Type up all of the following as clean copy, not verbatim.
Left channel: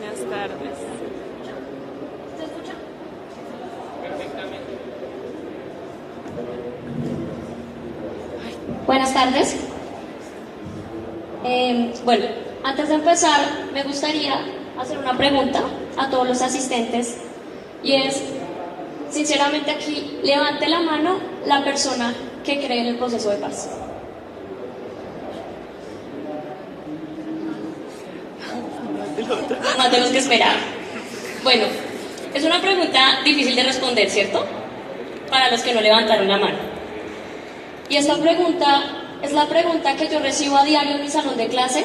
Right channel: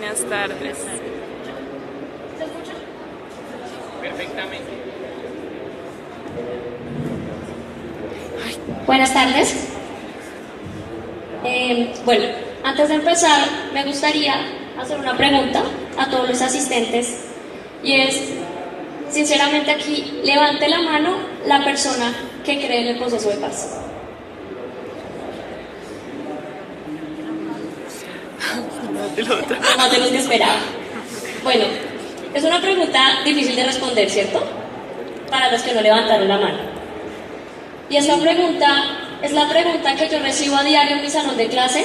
Buenas tardes. ¿Se escucha? Perfectamente. Buenas tardes. Bueno, antes de empezar, me gustaría hacer una pregunta a todos los asistentes y es, sinceramente aquí, levante la mano la persona que cree en el proceso de paz. Más de los que esperaba. Bueno, es una pregunta difícil de responder, ¿cierto? Para los que no levantaron la mano. Y esta pregunta es la pregunta que yo recibo a diario en mi salón de clase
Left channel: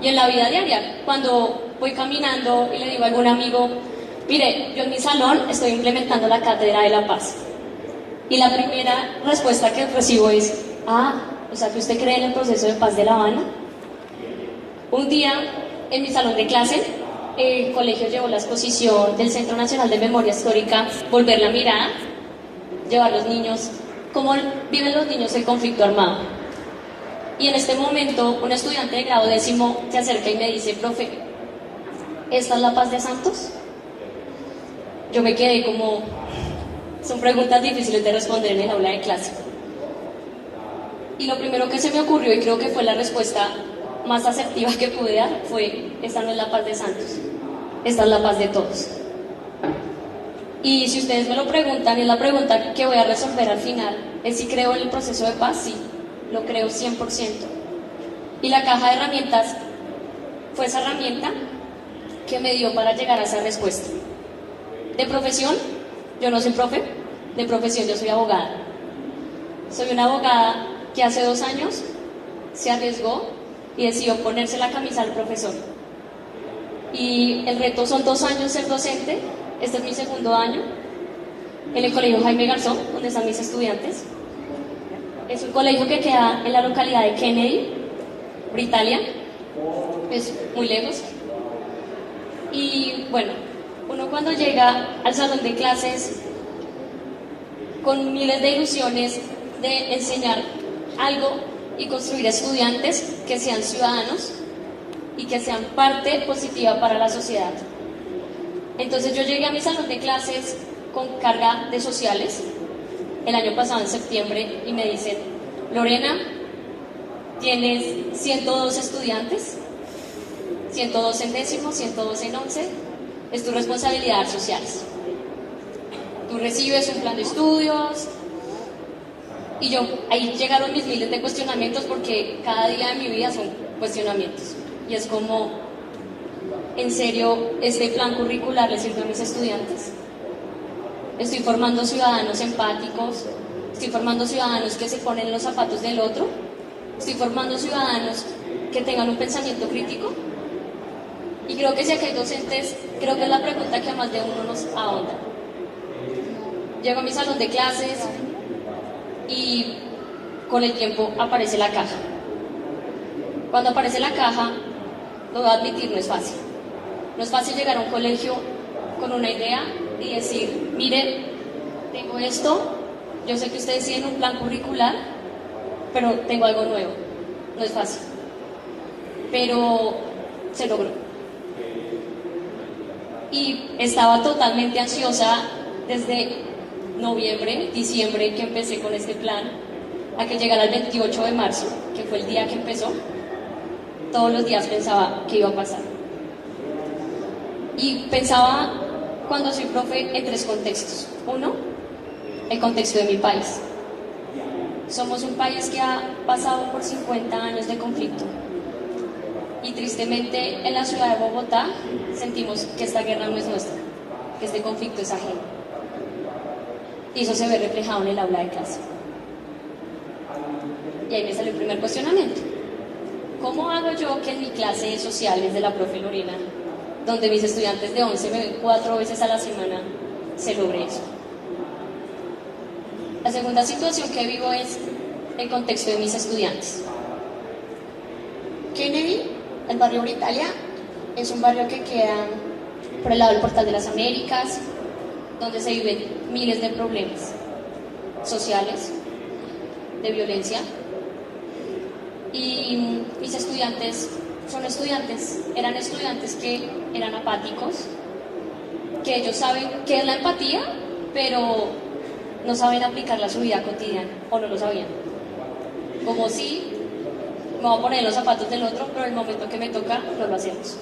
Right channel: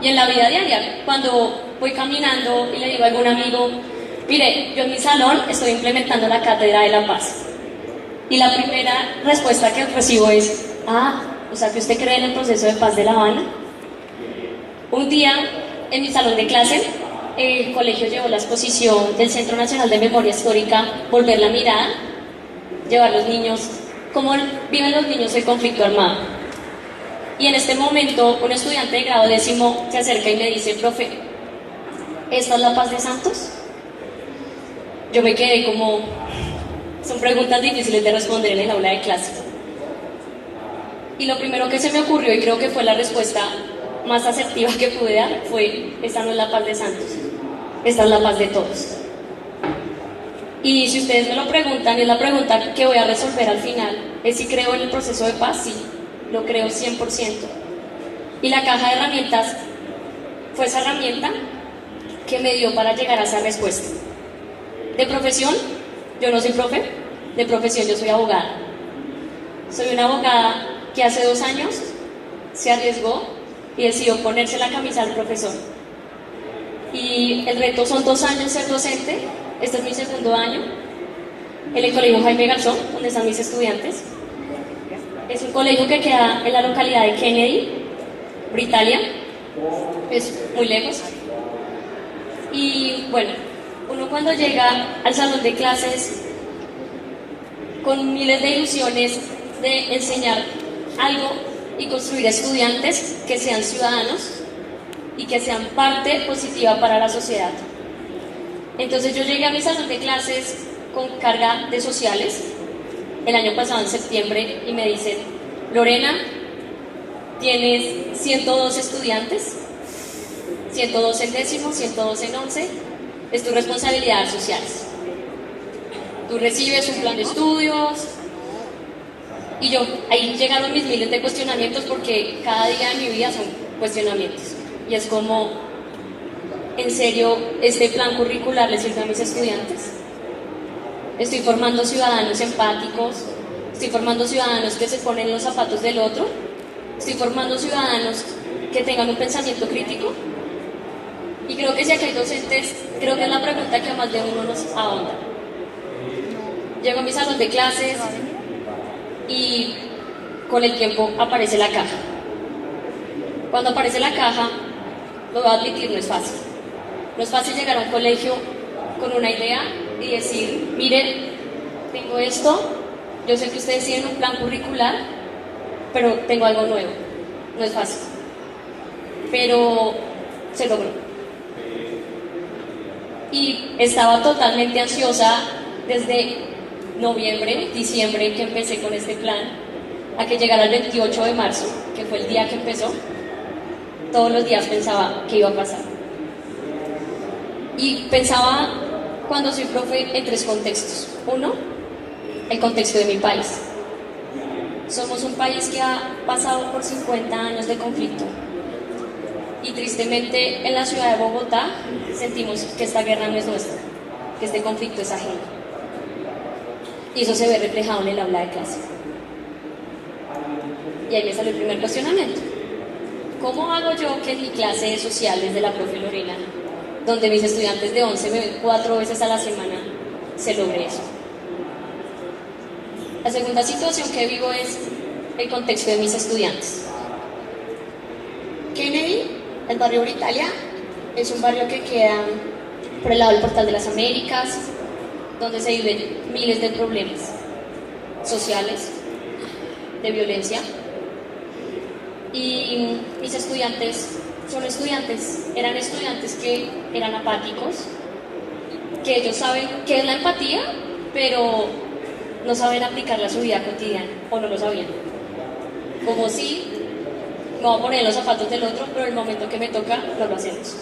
y en la vida diaria. Cuando voy caminando y le digo a algún amigo, mire, yo en mi salón estoy implementando la Cátedra de la Paz. Y la primera respuesta que recibo es, o sea que usted cree en el proceso de paz de La Habana. Un día, en mi salón de clase, el colegio llevó la exposición del Centro Nacional de Memoria Histórica, Volver la Mirada, llevar a los niños, cómo viven los niños el conflicto armado. Y en este momento, un estudiante de grado 10º se acerca y me dice, profe, ¿esta es la paz de Santos? Yo me quedé como, son preguntas difíciles de responder en el aula de clase. Y lo primero que se me ocurrió, y creo que fue la respuesta más asertiva que pude dar, fue, esta no es la paz de Santos, esta es la paz de todos. Y si ustedes me lo preguntan, es la pregunta que voy a resolver al final, es si creo en el proceso de paz. Sí, lo creo 100%. Y la caja de herramientas fue esa herramienta que me dio para llegar a esa respuesta. De profesión, yo no soy profe, de profesión yo soy abogada. Soy una abogada que hace 2 años se arriesgó y decidió ponerse la camisa al profesor. Y el reto son 2 años ser docente. Este es mi 2.º año en el colegio Jaime Garzón, donde están mis estudiantes. Es un colegio que queda en la localidad de Kennedy, Britalia. Es muy lejos. Y bueno, uno cuando llega al salón de clases con miles de ilusiones de enseñar algo y construir estudiantes que sean ciudadanos y que sean parte positiva para la sociedad. Entonces yo llegué a mi salón de clases con carga de sociales el año pasado en septiembre y me dicen, Lorena, tienes 102 estudiantes, 102 en 10º, 102 en 11, es tu responsabilidad sociales. Tú recibes un plan de estudios. Y yo, ahí llegaron mis miles de cuestionamientos porque cada día de mi vida son cuestionamientos. Y es como, ¿en serio este plan curricular le sirve a mis estudiantes? Estoy formando ciudadanos empáticos, estoy formando ciudadanos que se ponen los zapatos del otro, estoy formando ciudadanos que tengan un pensamiento crítico. Y creo que si aquí hay docentes, creo que es la pregunta que más de uno nos ahonda. Llego a mi salón de clases y con el tiempo aparece la caja. Cuando aparece la caja, lo voy a admitir, no es fácil. No es fácil llegar a un colegio con una idea y decir, miren, tengo esto, yo sé que ustedes tienen un plan curricular, pero tengo algo nuevo. No es fácil. Pero se logró. Y estaba totalmente ansiosa desde noviembre, diciembre, que empecé con este plan, a que llegara el 28 de marzo, que fue el día que empezó. Todos los días pensaba qué iba a pasar. Y pensaba, cuando soy profe, en 3 contextos. 1, el contexto de mi país. Somos un país que ha pasado por 50 años de conflicto. Y tristemente, en la ciudad de Bogotá, sentimos que esta guerra no es nuestra, que este conflicto es ajeno. Y eso se ve reflejado en el aula de clase. Y ahí me salió el primer cuestionamiento. ¿Cómo hago yo que en mi clase de sociales de la profe Lorena, donde mis estudiantes de 11 me ven 4 veces a la semana, se logre eso? La segunda situación que vivo es el contexto de mis estudiantes. Kennedy, el barrio Britalia, es un barrio que queda por el lado del Portal de las Américas, donde se viven miles de problemas sociales, de violencia. Y mis estudiantes eran estudiantes que eran apáticos, que ellos saben qué es la empatía, pero no saben aplicarla a su vida cotidiana, o no lo sabían. Como si me voy a poner en los zapatos del otro, pero en el momento que me toca, no lo hacemos.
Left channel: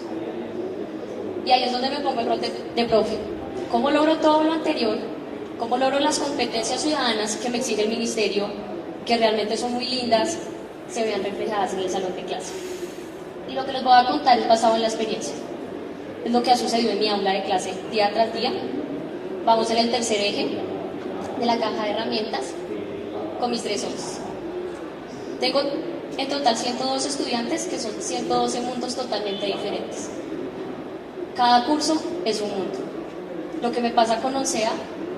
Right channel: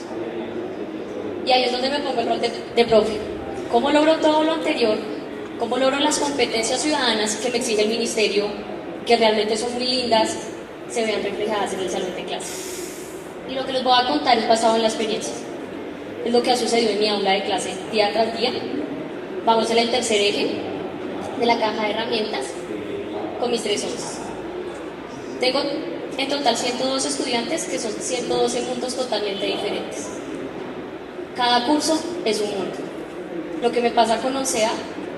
Y ahí es donde me pongo el rol de profe. ¿Cómo logro todo lo anterior? ¿Cómo logro las competencias ciudadanas que me exige el ministerio, que realmente son muy lindas, se vean reflejadas en el salón de clase? Y lo que les voy a contar es basado en la experiencia. Es lo que ha sucedido en mi aula de clase día tras día. Vamos en el tercer eje de la caja de herramientas con mis 3 ondas. Tengo en total 102 estudiantes, que son 112 mundos totalmente diferentes. Cada curso es un mundo. Lo que me pasa con 11A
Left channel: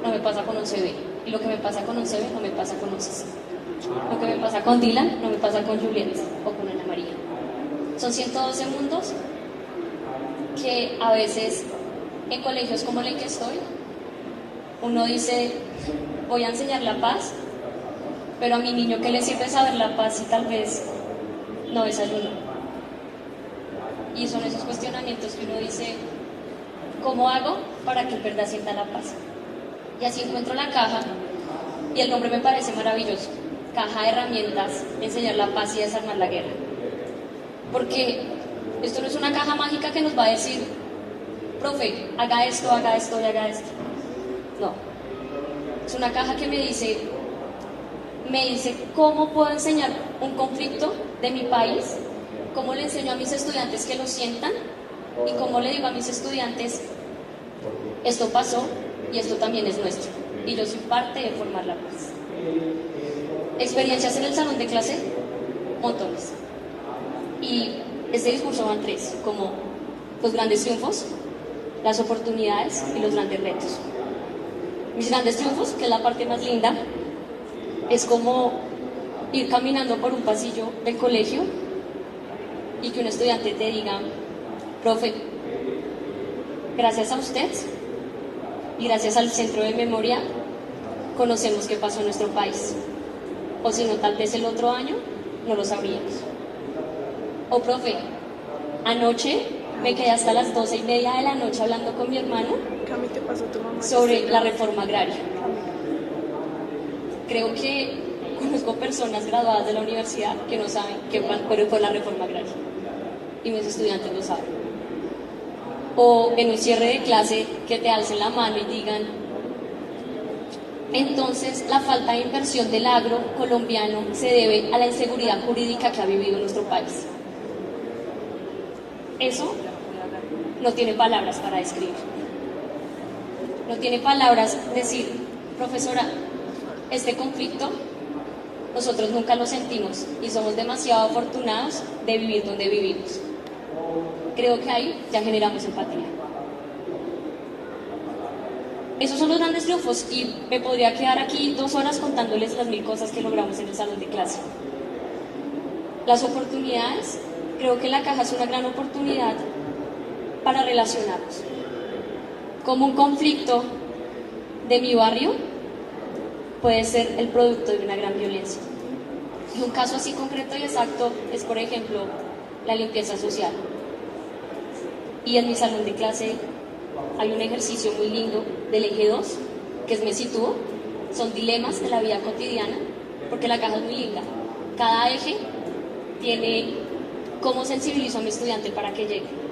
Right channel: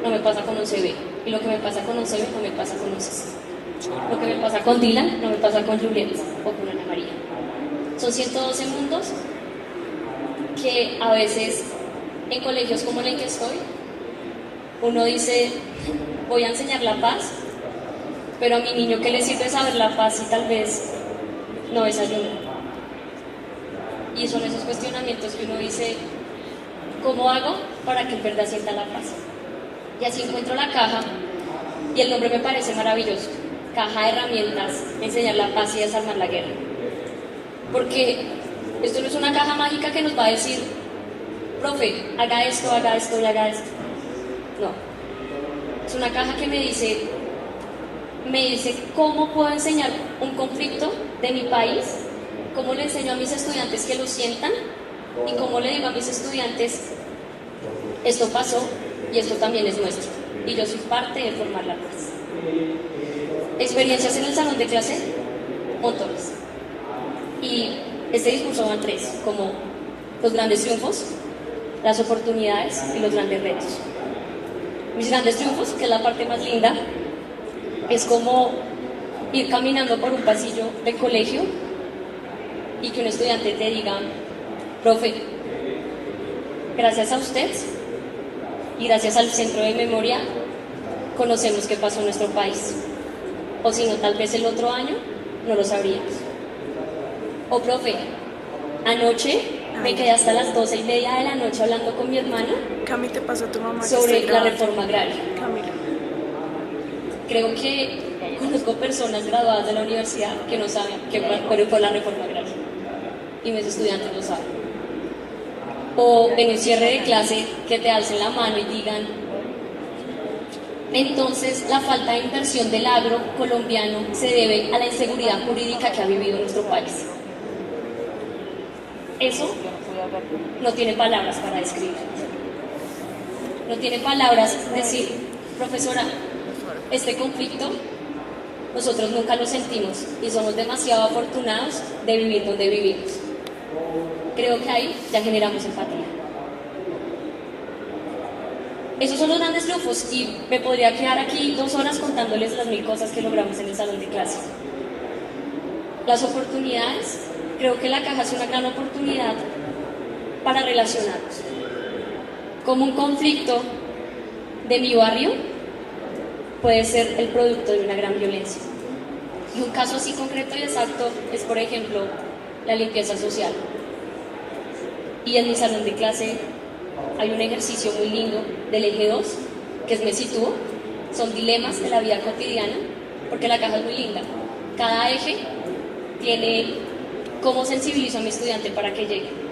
no me pasa con 11B. Y lo que me pasa con 11B no me pasa con 11C. Lo que me pasa con Dylan no me pasa con Juliet o con Ana María. Son 112 mundos que a veces en colegios como el que estoy, uno dice, voy a enseñar la paz, pero a mi niño, ¿qué le sirve saber la paz si tal vez no desayunó? Y son esos cuestionamientos que uno dice, ¿cómo hago para que en verdad sienta la paz? Y así encuentro la caja, y el nombre me parece maravilloso. Caja de herramientas, enseñar la paz y desarmar la guerra. Porque esto no es una caja mágica que nos va a decir, profe, haga esto y haga esto. No. Es una caja que me dice cómo puedo enseñar un conflicto de mi país, cómo le enseño a mis estudiantes que lo sientan y cómo le digo a mis estudiantes, esto pasó y esto también es nuestro. Y yo soy parte de formar la paz. Experiencias en el salón de clase, montones. Y este discurso van 3, como los grandes triunfos, las oportunidades y los grandes retos. Mis grandes triunfos, que es la parte más linda, es como ir caminando por un pasillo del colegio y que un estudiante te diga, profe, gracias a usted y gracias al Centro de Memoria conocemos qué pasó en nuestro país. O si no, tal vez el otro año no lo sabríamos. O profe, anoche me quedé hasta las 12:30 de la noche hablando con mi hermana Cami, te pasó tu mamá sobre la reforma agraria. Camila. Creo que conozco personas graduadas de la universidad que no saben qué fue la reforma agraria. Y mis estudiantes lo saben. O en un cierre de clase que te alcen la mano y digan, entonces la falta de inversión del agro colombiano se debe a la inseguridad jurídica que ha vivido nuestro país. Eso no tiene palabras para describir. No tiene palabras decir, profesora, este conflicto nosotros nunca lo sentimos y somos demasiado afortunados de vivir donde vivimos. Creo que ahí ya generamos empatía. Esos son los grandes triunfos y me podría quedar aquí 2 horas contándoles las 1000 cosas que logramos en el salón de clase. Las oportunidades, creo que la caja es una gran oportunidad para relacionarnos. Como un conflicto de mi barrio puede ser el producto de una gran violencia. Y un caso así concreto y exacto es, por ejemplo, la limpieza social. Y en mi salón de clase hay un ejercicio muy lindo del eje 2, que es Me Sitúo. Son dilemas de la vida cotidiana, porque la caja es muy linda. Cada eje tiene cómo sensibilizo a mi estudiante para que llegue.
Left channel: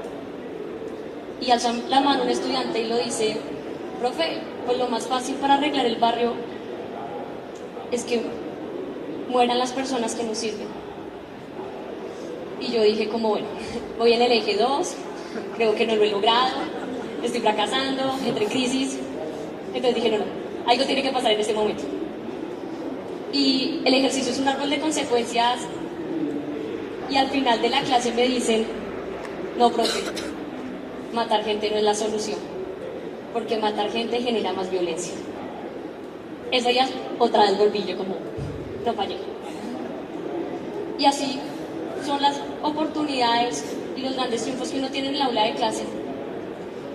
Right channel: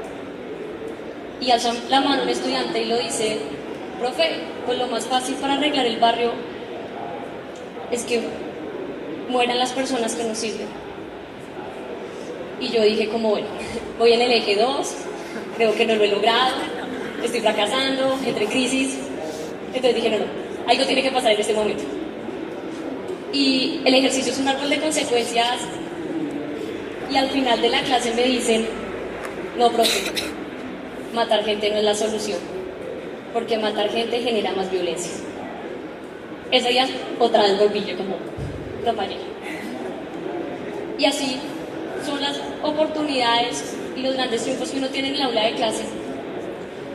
Y alza la mano un estudiante y lo dice, profe, pues lo más fácil para arreglar el barrio es que mueran las personas que nos sirven. Y yo dije como, bueno, voy en el eje 2, creo que no lo he logrado, estoy fracasando, entré en crisis. Entonces dije, no, algo tiene que pasar en este momento. Y el ejercicio es un árbol de consecuencias y al final de la clase me dicen, no, profe, matar gente no es la solución, porque matar gente genera más violencia. Ese día otra vez volví yo como, no fallé. Y así son las oportunidades y los grandes triunfos que uno tiene en el aula de clase.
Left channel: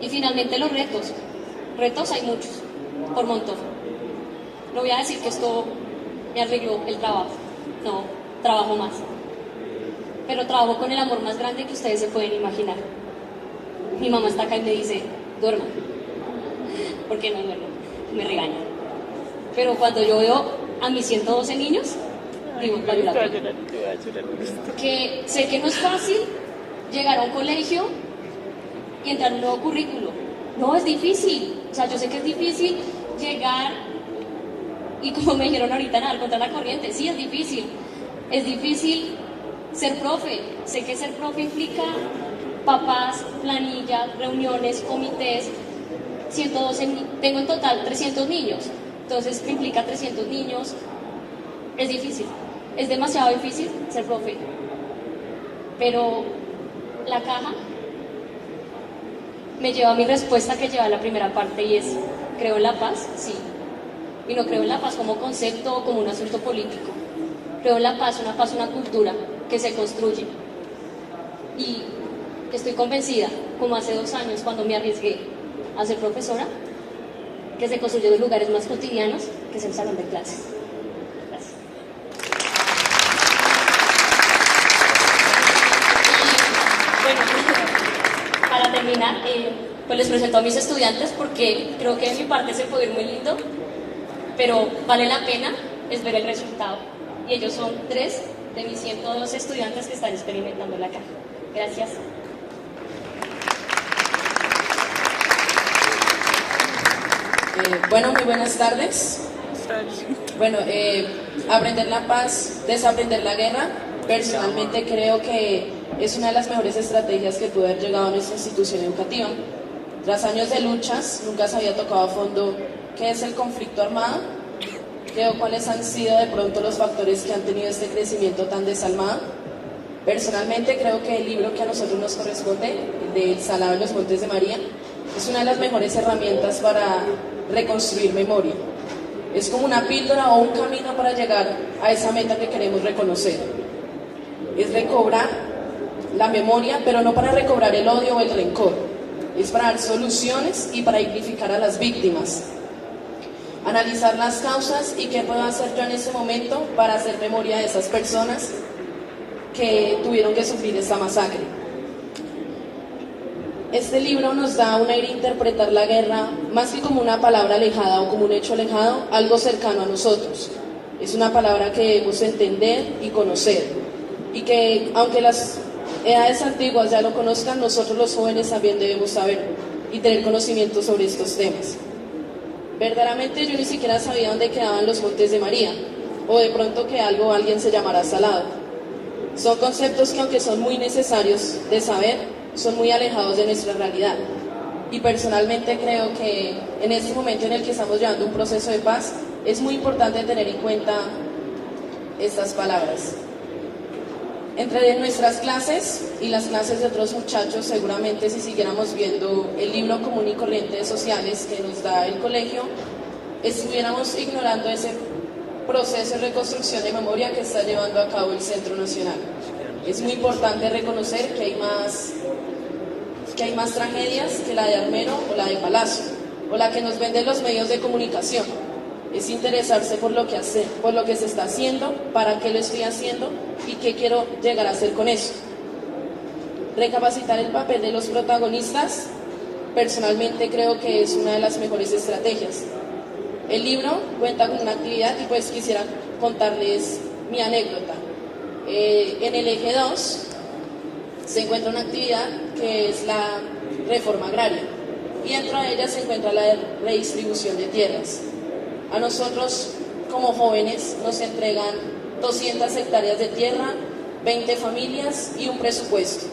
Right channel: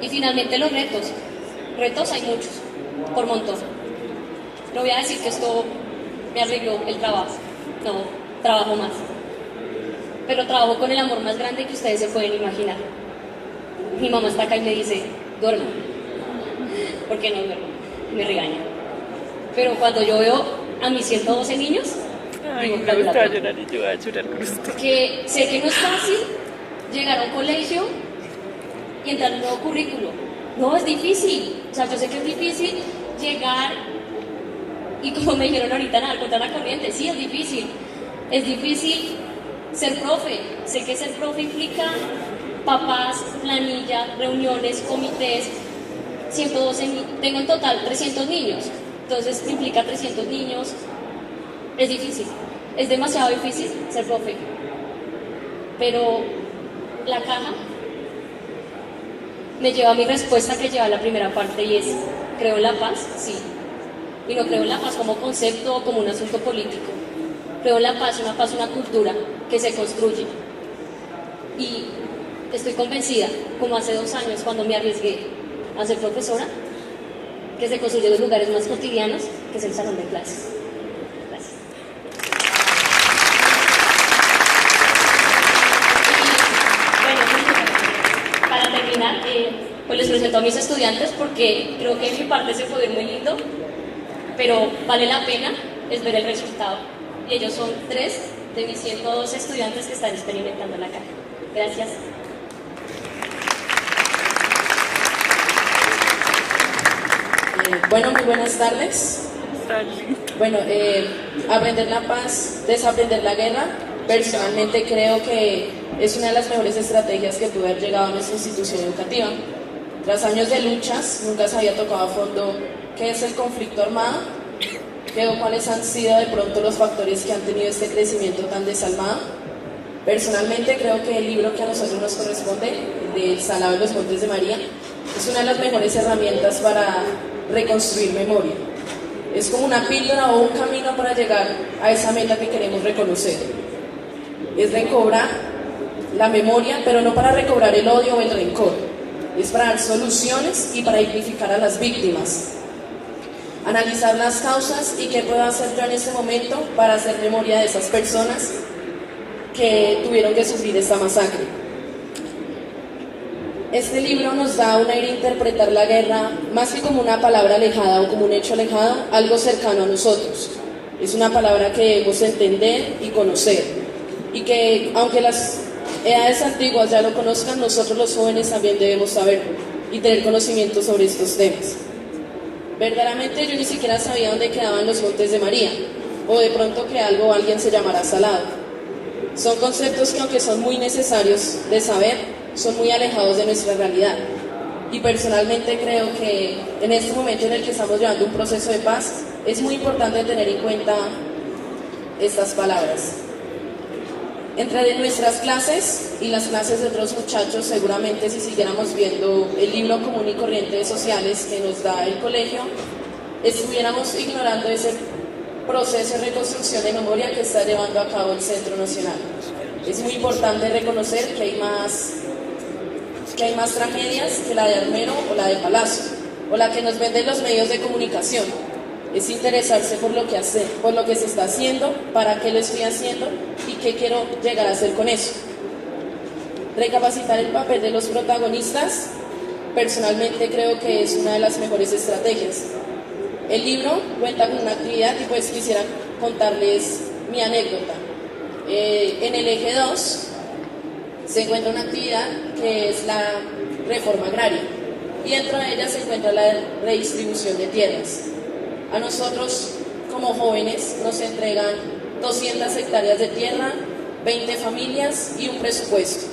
Y finalmente los retos. Retos hay muchos, por montón. No voy a decir que esto me arregló el trabajo, no, trabajo más. pero trabajo con el amor más grande que ustedes se pueden imaginar. Mi mamá está acá y me dice, duerma, ¿por qué no duermo? Me regaña. Pero cuando yo veo a mis 112 niños, digo, Me gusta llorar y yo voy a llorar con usted. que sé que no es fácil llegar a un colegio y entrar a un nuevo currículo. No, es difícil. O sea, yo sé que es difícil llegar y como me dijeron ahorita, nadar contra la corriente. Sí, es difícil. Es difícil ser profe. Sé que ser profe implica papás, planillas, reuniones, comités. 112 tengo en total 300 niños. Entonces implica 300 niños. Es difícil. Es demasiado difícil ser profe. Pero la caja me lleva a mi respuesta que lleva la primera parte y es, ¿creo en la paz? Sí. Y no creo en la paz como concepto o como un asunto político. Creo en la paz, una cultura que se construye. Y estoy convencida, como hace 2 años cuando me arriesgué a ser profesora, que se construye en los lugares más cotidianos, que es el salón de clases. Gracias. Bueno, para terminar, pues les presento a mis estudiantes porque creo que de mi parte se puede ir muy lindo, pero vale la pena es ver el resultado. Y ellos son 3 de mis 102 estudiantes que están experimentando la caja. Gracias. Bueno, muy buenas tardes. Bueno, aprender la paz, desaprender la guerra, personalmente creo que es una de las mejores estrategias que pude haber llegado a nuestra institución educativa. Tras años de luchas, nunca se había tocado a fondo qué es el conflicto armado, creo cuáles han sido de pronto los factores que han tenido este crecimiento tan desalmado. Personalmente creo que el libro que a nosotros nos corresponde, de Salado de los Montes de María, es una de las mejores herramientas para reconstruir memoria. Es como una píldora o un camino para llegar a esa meta que queremos reconocer. Es recobrar la memoria, pero no para recobrar el odio o el rencor. Es para dar soluciones y para dignificar a las víctimas. Analizar las causas y qué puedo hacer yo en ese momento para hacer memoria de esas personas que tuvieron que sufrir esta masacre. Este libro nos da un aire a interpretar la guerra más que como una palabra alejada o como un hecho alejado, algo cercano a nosotros. Es una palabra que debemos entender y conocer. Y que aunque las edades antiguas ya lo conozcan, nosotros los jóvenes también debemos saber y tener conocimiento sobre estos temas. Verdaderamente yo ni siquiera sabía dónde quedaban los Montes de María, o de pronto que algo o alguien se llamara Salado. Son conceptos que aunque son muy necesarios de saber, son muy alejados de nuestra realidad. Y personalmente creo que en este momento en el que estamos llevando un proceso de paz, es muy importante tener en cuenta estas palabras. Entre nuestras clases y las clases de otros muchachos, seguramente si siguiéramos viendo el libro común y corriente de sociales que nos da el colegio, estuviéramos ignorando ese proceso de reconstrucción de memoria que está llevando a cabo el Centro Nacional. Es muy importante reconocer que hay más tragedias que la de Armero o la de Palacio, o la que nos venden los medios de comunicación. Es interesarse por lo que se está haciendo, para qué lo estoy haciendo y qué quiero llegar a hacer con eso. Recapacitar el papel de los protagonistas, personalmente creo que es una de las mejores estrategias. El libro cuenta con una actividad y pues quisiera contarles mi anécdota. En el eje 2 se encuentra una actividad que es la reforma agraria y dentro de ella se encuentra la redistribución de tierras. A nosotros como jóvenes nos entregan 200 hectáreas de tierra, 20 familias y un presupuesto.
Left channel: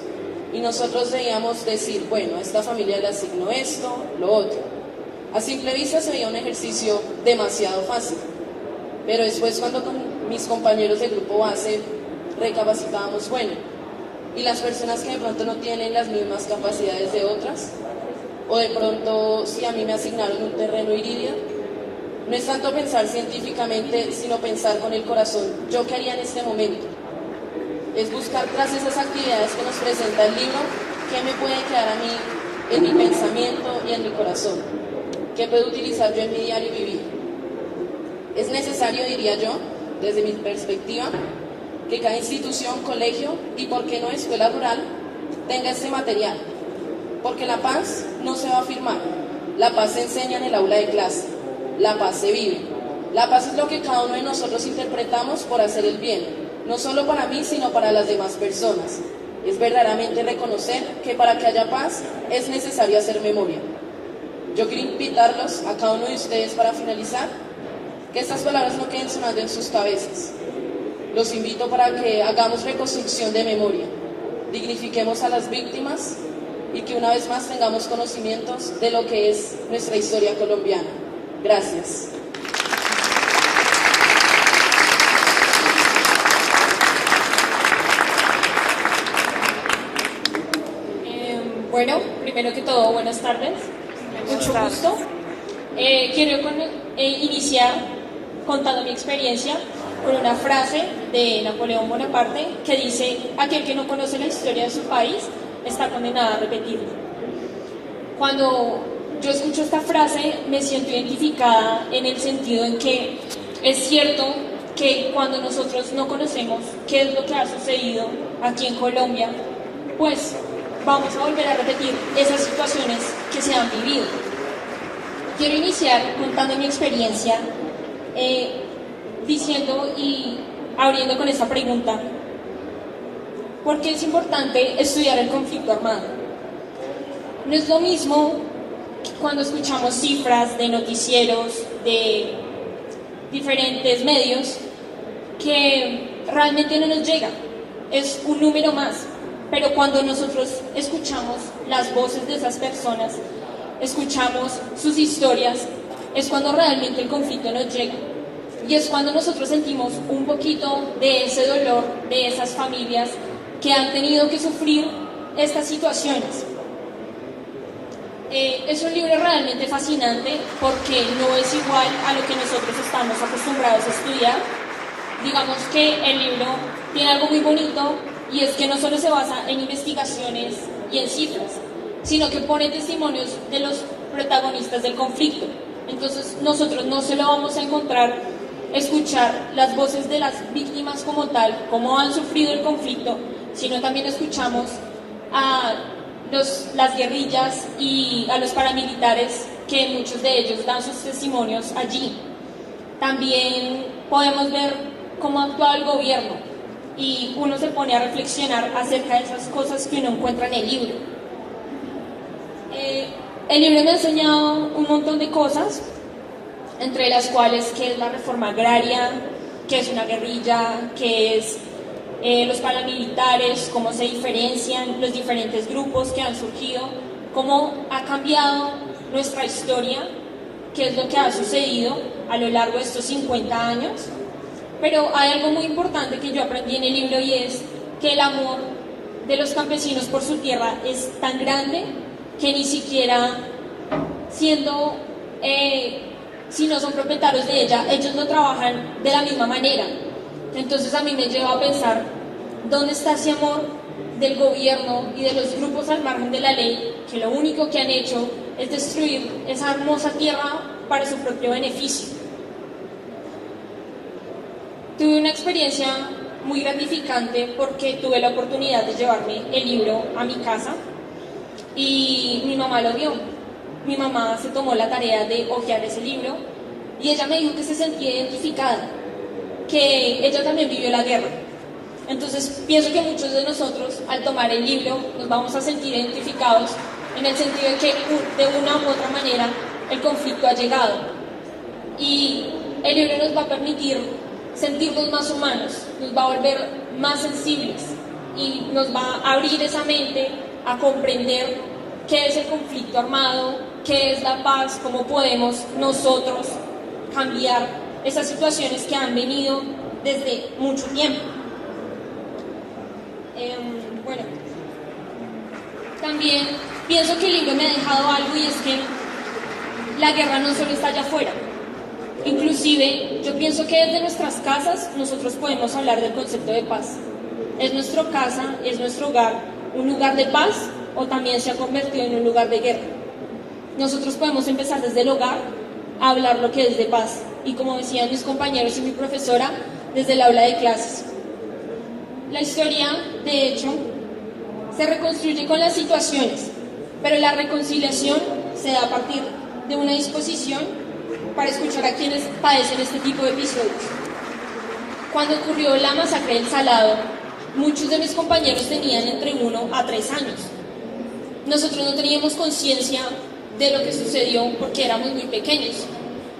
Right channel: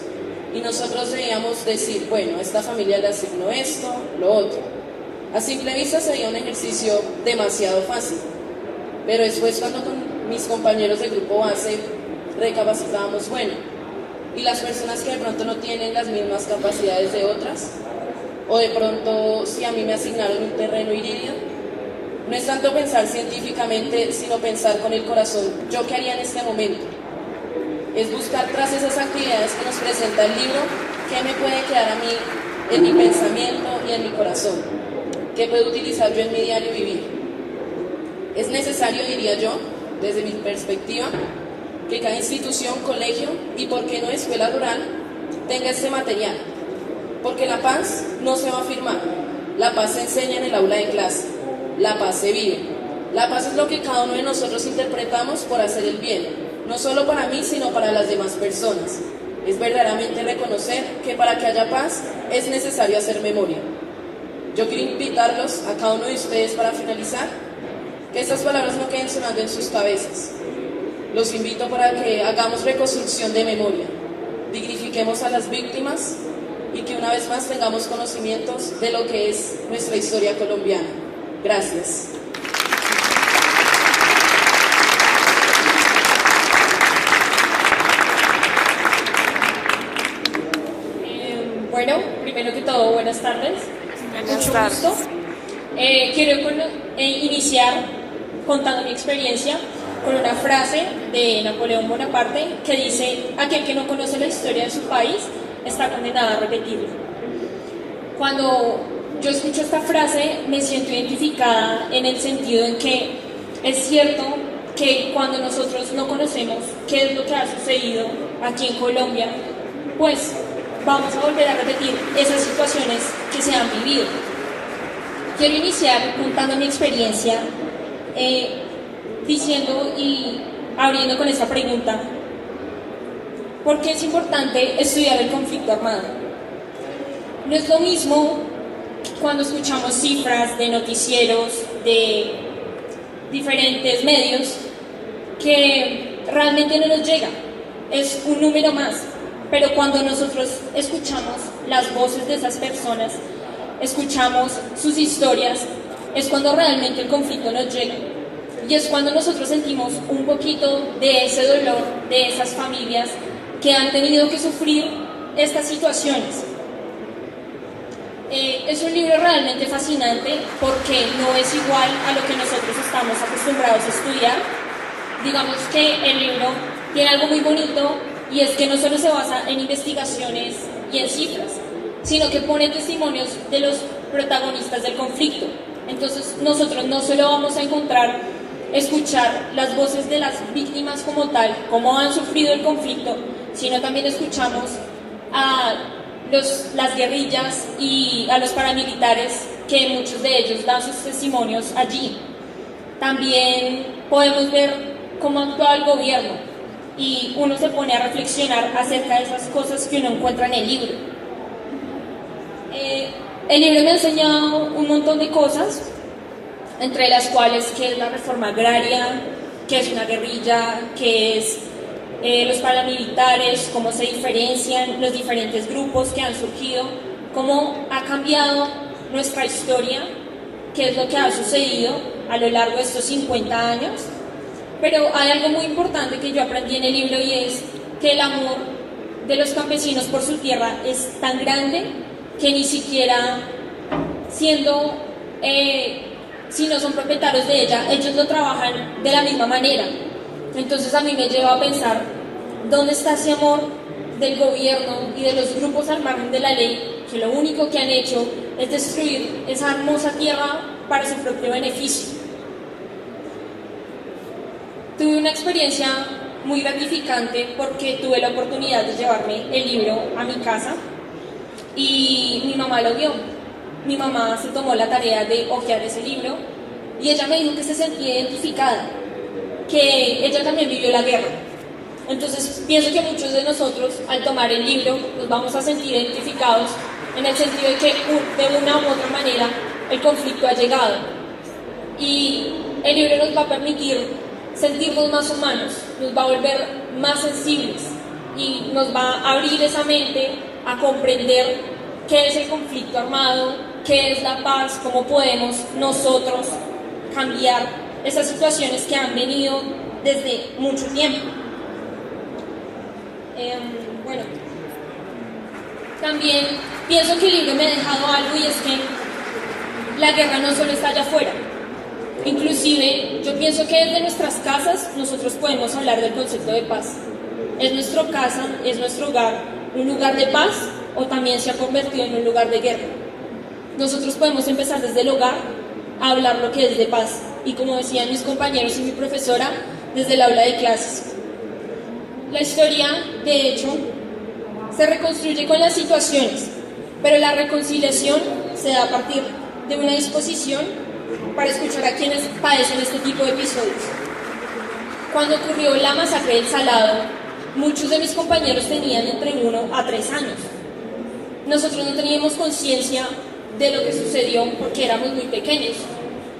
Y nosotros debíamos decir, bueno, a esta familia le asigno esto, lo otro. A simple vista se veía un ejercicio demasiado fácil, pero después cuando con mis compañeros de grupo base recapacitábamos, bueno, y las personas que de pronto no tienen las mismas capacidades de otras, o de pronto si a mí me asignaron un terreno iridio, no es tanto pensar científicamente, sino pensar con el corazón, ¿yo qué haría en este momento? Es buscar tras esas actividades que nos presenta el libro, qué me puede quedar a mí en mi pensamiento y en mi corazón, qué puedo utilizar yo en mi diario vivir. Es necesario, diría yo, desde mi perspectiva, que cada institución, colegio y, por qué no, escuela rural tenga este material. Porque la paz no se va a firmar, la paz se enseña en el aula de clase, la paz se vive. La paz es lo que cada uno de nosotros interpretamos por hacer el bien, no solo para mí, sino para las demás personas. Es verdaderamente reconocer que para que haya paz es necesario hacer memoria. Yo quiero invitarlos a cada uno de ustedes para finalizar, que estas palabras no queden sonando en sus cabezas. Los invito para que hagamos reconstrucción de memoria, dignifiquemos a las víctimas y que una vez más tengamos conocimientos de lo que es nuestra historia colombiana. Gracias. Bueno, primero que todo, buenas tardes. Buenas Mucho tardes. gusto. Quiero iniciar contando mi experiencia con una frase de Napoleón Bonaparte que dice: aquel que no conoce la historia de su país está condenado a repetirla. Cuando yo escucho esta frase me siento identificada en el sentido en que es cierto que cuando nosotros no conocemos qué es lo que ha sucedido aquí en Colombia, pues vamos a volver a repetir esas situaciones que se han vivido. Quiero iniciar contando mi experiencia diciendo y abriendo con esta pregunta: ¿por qué es importante estudiar el conflicto armado? No es lo mismo cuando escuchamos cifras de noticieros, de diferentes medios, que realmente no nos llega, es un número más. Pero cuando nosotros escuchamos las voces de esas personas, escuchamos sus historias, es cuando realmente el conflicto nos llega. Y es cuando nosotros sentimos un poquito de ese dolor de esas familias que han tenido que sufrir estas situaciones. Es un libro realmente fascinante porque no es igual a lo que nosotros estamos acostumbrados a estudiar. Digamos que el libro tiene algo muy bonito, y es que no solo se basa en investigaciones y en cifras, sino que pone testimonios de los protagonistas del conflicto. Entonces nosotros no solo vamos a escuchar las voces de las víctimas como tal, cómo han sufrido el conflicto, sino también escuchamos a las guerrillas y a los paramilitares, que muchos de ellos dan sus testimonios allí. También podemos ver cómo actúa el gobierno, y uno se pone a reflexionar acerca de esas cosas que uno encuentra en el libro. El libro me ha enseñado un montón de cosas, entre las cuales qué es la reforma agraria, qué es una guerrilla, qué es los paramilitares, cómo se diferencian los diferentes grupos que han surgido, cómo ha cambiado nuestra historia, qué es lo que ha sucedido a lo largo de estos 50 años. Pero hay algo muy importante que yo aprendí en el libro, y es que el amor de los campesinos por su tierra es tan grande que ni siquiera siendo, si no son propietarios de ella, ellos lo trabajan de la misma manera. Entonces a mí me lleva a pensar, ¿dónde está ese amor del gobierno y de los grupos al margen de la ley, que lo único que han hecho es destruir esa hermosa tierra para su propio beneficio? Tuve una experiencia muy gratificante porque tuve la oportunidad de llevarme el libro a mi casa y mi mamá lo vio. Mi mamá se tomó la tarea de hojear ese libro y ella me dijo que se sentía identificada, que ella también vivió la guerra. Entonces pienso que muchos de nosotros, al tomar el libro, nos vamos a sentir identificados en el sentido de que de una u otra manera el conflicto ha llegado, y el libro nos va a permitir sentirnos más humanos, nos va a volver más sensibles y nos va a abrir esa mente a comprender qué es el conflicto armado, qué es la paz, cómo podemos nosotros cambiar esas situaciones que han venido desde mucho tiempo. Bueno, también pienso que el libro me ha dejado algo, y es que la guerra no solo está allá afuera. Inclusive, yo pienso que desde nuestras casas nosotros podemos hablar del concepto de paz. ¿Es nuestra casa, es nuestro hogar un lugar de paz, o también se ha convertido en un lugar de guerra? Nosotros podemos empezar desde el hogar a hablar lo que es de paz, y como decían mis compañeros y mi profesora, desde el aula de clases. La historia, de hecho, se reconstruye con las situaciones, pero la reconciliación se da a partir de una disposición para escuchar a quienes padecen este tipo de episodios. Cuando ocurrió la masacre del Salado, muchos de mis compañeros tenían entre 1 a 3 años. Nosotros no teníamos conciencia de lo que sucedió porque éramos muy pequeños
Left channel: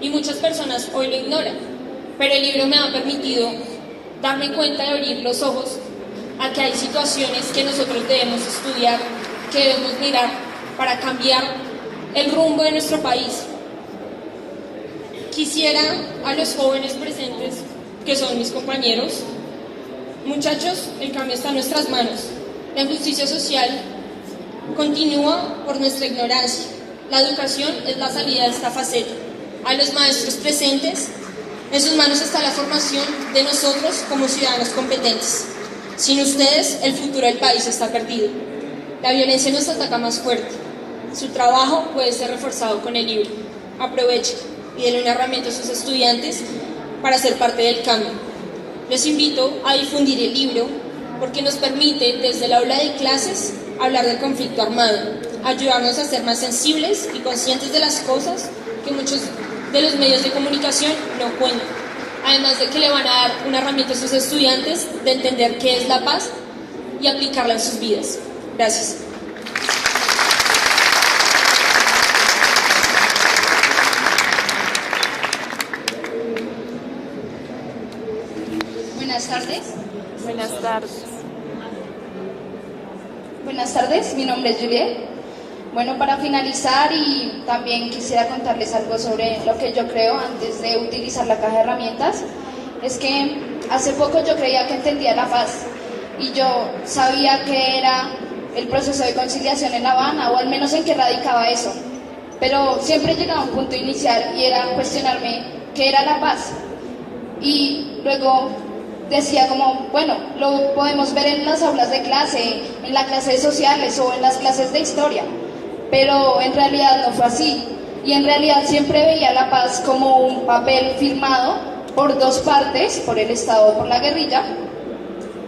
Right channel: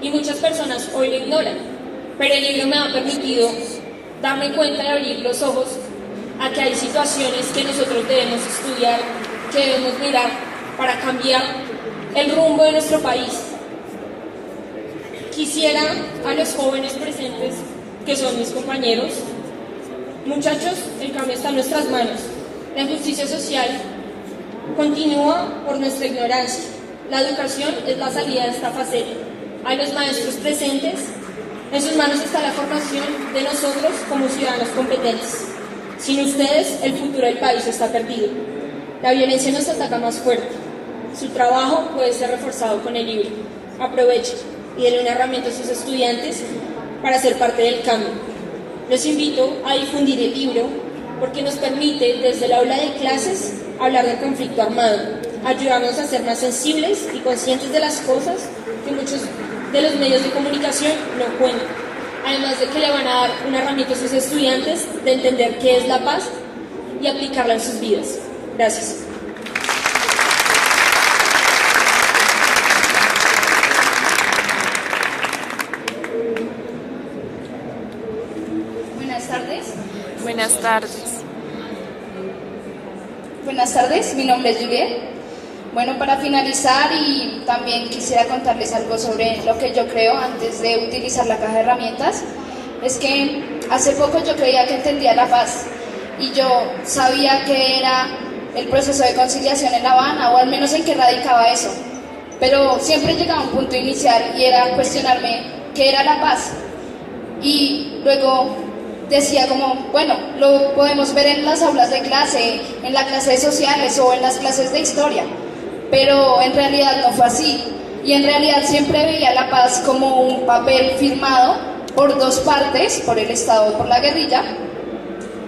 y muchas personas hoy lo ignoran, pero el libro me ha permitido darme cuenta y abrir los ojos a que hay situaciones que nosotros debemos estudiar, que debemos mirar para cambiar el rumbo de nuestro país. Quisiera a los jóvenes presentes, que son mis compañeros, muchachos, el cambio está en nuestras manos. La injusticia social continúa por nuestra ignorancia. La educación es la salida de esta faceta. A los maestros presentes, en sus manos está la formación de nosotros como ciudadanos competentes. Sin ustedes, el futuro del país está perdido. La violencia nos ataca más fuerte. Su trabajo puede ser reforzado con el libro. Aprovechen y denle una herramienta a sus estudiantes para ser parte del cambio. Los invito a difundir el libro porque nos permite, desde el aula de clases, hablar del conflicto armado, ayudarnos a ser más sensibles y conscientes de las cosas que muchos de los medios de comunicación no cuentan. Además de que le van a dar una herramienta a sus estudiantes de entender qué es la paz y aplicarla en sus vidas. Gracias. Buenas tardes. Buenas tardes. Buenas tardes, mi nombre es Juliet. Bueno, para finalizar y también quisiera contarles algo sobre lo que yo creo antes de utilizar la caja de herramientas. Es que hace poco yo creía que entendía la paz y yo sabía que era el proceso de conciliación en La Habana, o al menos en qué radicaba eso. Pero siempre llegaba a un punto inicial y era cuestionarme qué era la paz. Y luego decía como, bueno, lo podemos ver en las aulas de clase, en las clases sociales o en las clases de historia. Pero en realidad no fue así, y en realidad siempre veía la paz como un papel firmado por dos partes, por el Estado o por la guerrilla,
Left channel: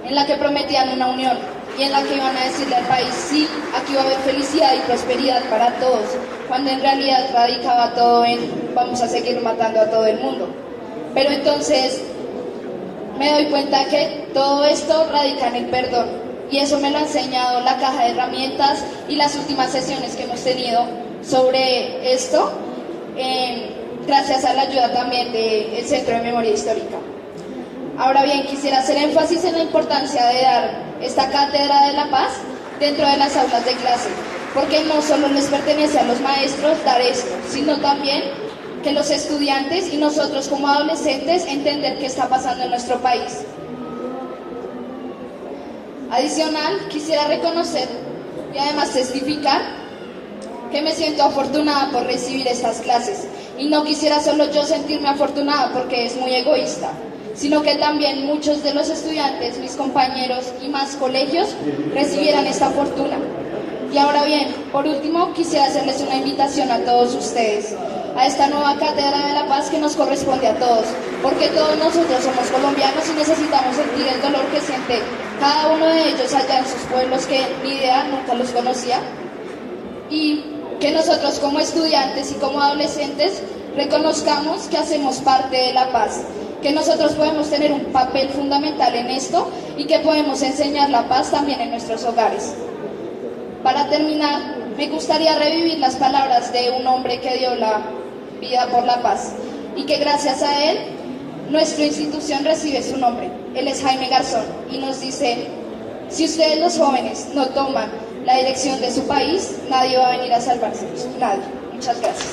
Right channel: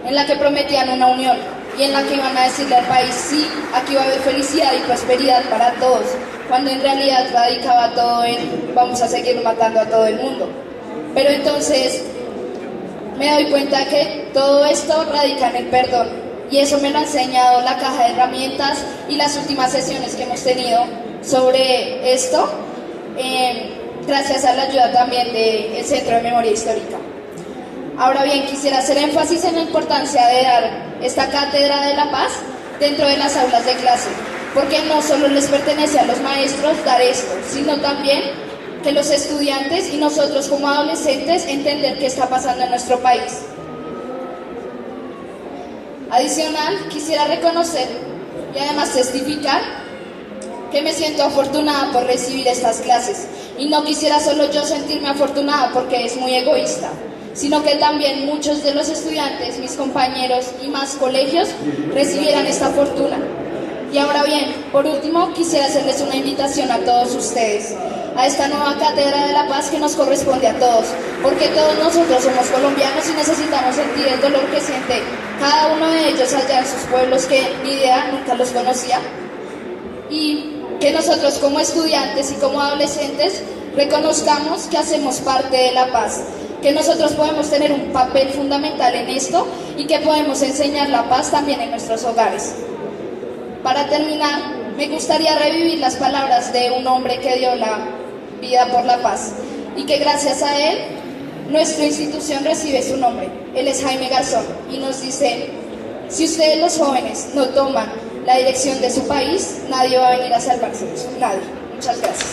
en la que prometían una unión y en la que iban a decirle al país, sí, aquí va a haber felicidad y prosperidad para todos, cuando en realidad radicaba todo en vamos a seguir matando a todo el mundo. Pero entonces me doy cuenta que todo esto radica en el perdón. Y eso me lo ha enseñado la caja de herramientas y las últimas sesiones que hemos tenido sobre esto, gracias a la ayuda también del Centro de Memoria Histórica. Ahora bien, quisiera hacer énfasis en la importancia de dar esta cátedra de la paz dentro de las aulas de clase, porque no solo les pertenece a los maestros dar esto, sino también que los estudiantes y nosotros como adolescentes entender qué está pasando en nuestro país. Adicional, quisiera reconocer y además testificar que me siento afortunada por recibir estas clases, y no quisiera solo yo sentirme afortunada porque es muy egoísta, sino que también muchos de los estudiantes, mis compañeros y más colegios recibieran esta fortuna. Y ahora bien, por último, quisiera hacerles una invitación a todos ustedes, a esta nueva cátedra de la paz que nos corresponde a todos, porque todos nosotros somos colombianos y necesitamos sentir el dolor que siente cada uno de ellos allá en sus pueblos que ni idea, nunca los conocía, y que nosotros como estudiantes y como adolescentes reconozcamos que hacemos parte de la paz, que nosotros podemos tener un papel fundamental en esto y que podemos enseñar la paz también en nuestros hogares. Para terminar, me gustaría revivir las palabras de un hombre que dio la vida por la paz y que gracias a él nuestra institución recibe su nombre. Él es Jaime Garzón y nos dice: si ustedes los jóvenes no toman la dirección de su país, nadie va a venir a salvárselos, nadie. Muchas gracias.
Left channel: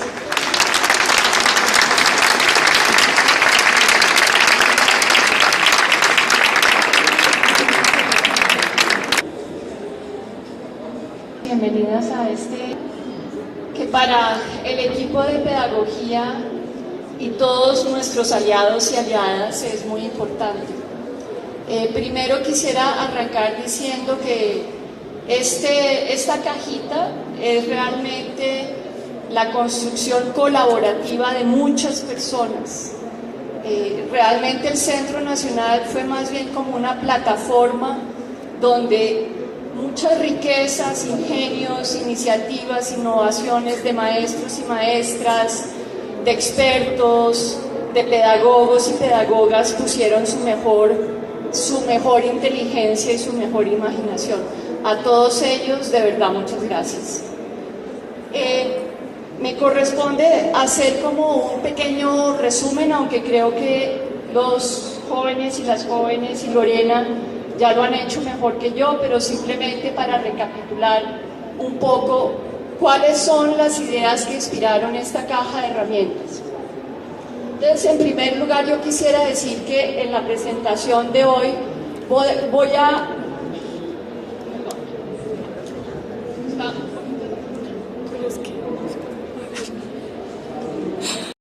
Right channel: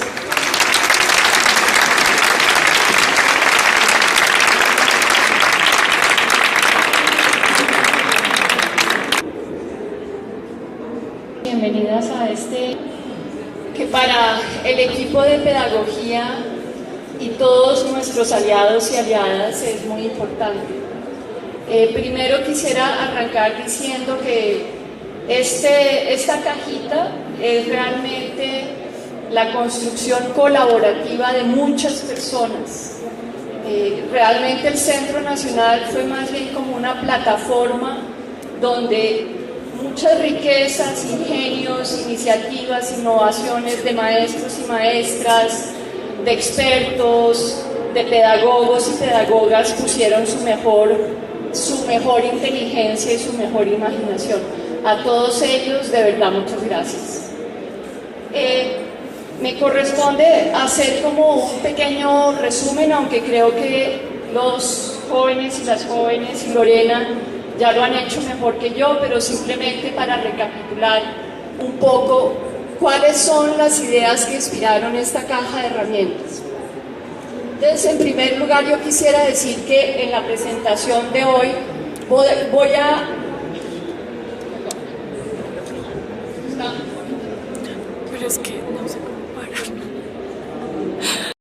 Bienvenidas a este que para el equipo de pedagogía y todos nuestros aliados y aliadas es muy importante. Primero quisiera arrancar diciendo que esta cajita es realmente la construcción colaborativa de muchas personas Realmente el Centro Nacional fue más bien como una plataforma donde muchas riquezas, ingenios, iniciativas, innovaciones de maestros y maestras, de expertos, de pedagogos y pedagogas pusieron su mejor inteligencia y su mejor imaginación. A todos ellos, de verdad, muchas gracias. Me corresponde hacer como un pequeño resumen, aunque creo que los jóvenes y las jóvenes y Lorena ya lo han hecho mejor que yo, pero simplemente para recapitular un poco cuáles son las ideas que inspiraron esta caja de herramientas. Entonces, en primer lugar, yo quisiera decir que en la presentación de hoy voy a